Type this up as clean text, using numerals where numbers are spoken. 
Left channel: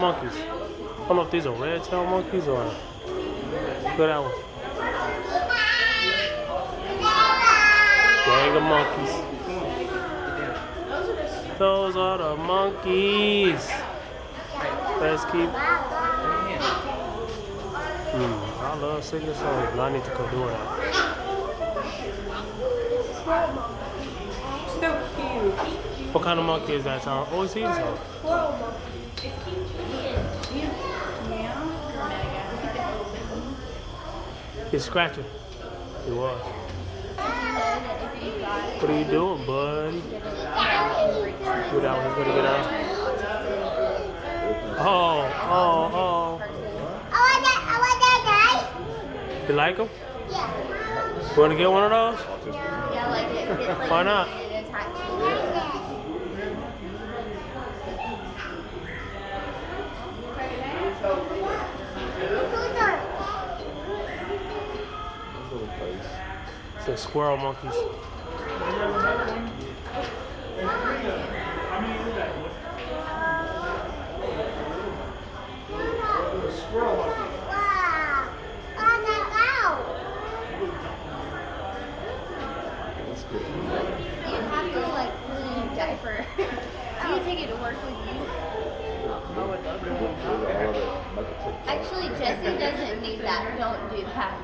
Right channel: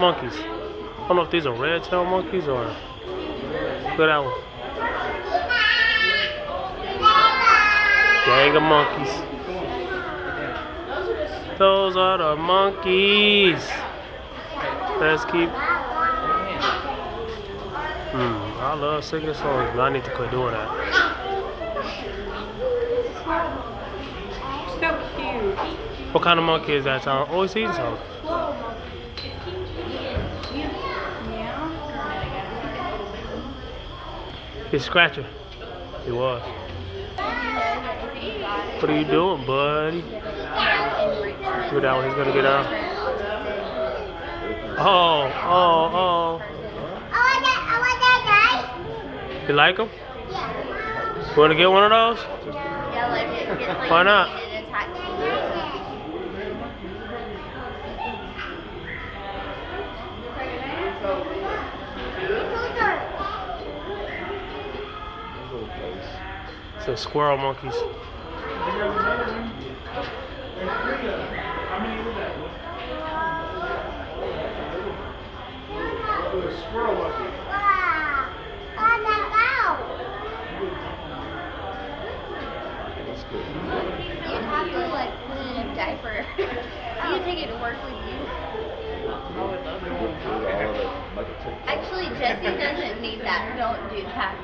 Monkeys. I don't know if these are red-tailed monkeys or look at that one. Gang of monkeys. Those are the monkeys. Let's keep. I love singing songs, but I need to quit doing that. So cute. What kind of monkey is that, Tom? Oh, he's eating something. He's scratching. He was. What are you doing, buddy? Look at that one. He's gonna get out. Oh. I want that guy. You like him? Yeah. You wanna get one of those? Why not? It's the squirrel monkeys. Wow. Oh, that cow. You have to like clean a diaper. You take it to work with you. Actually, Jesse doesn't need that. Don't do that.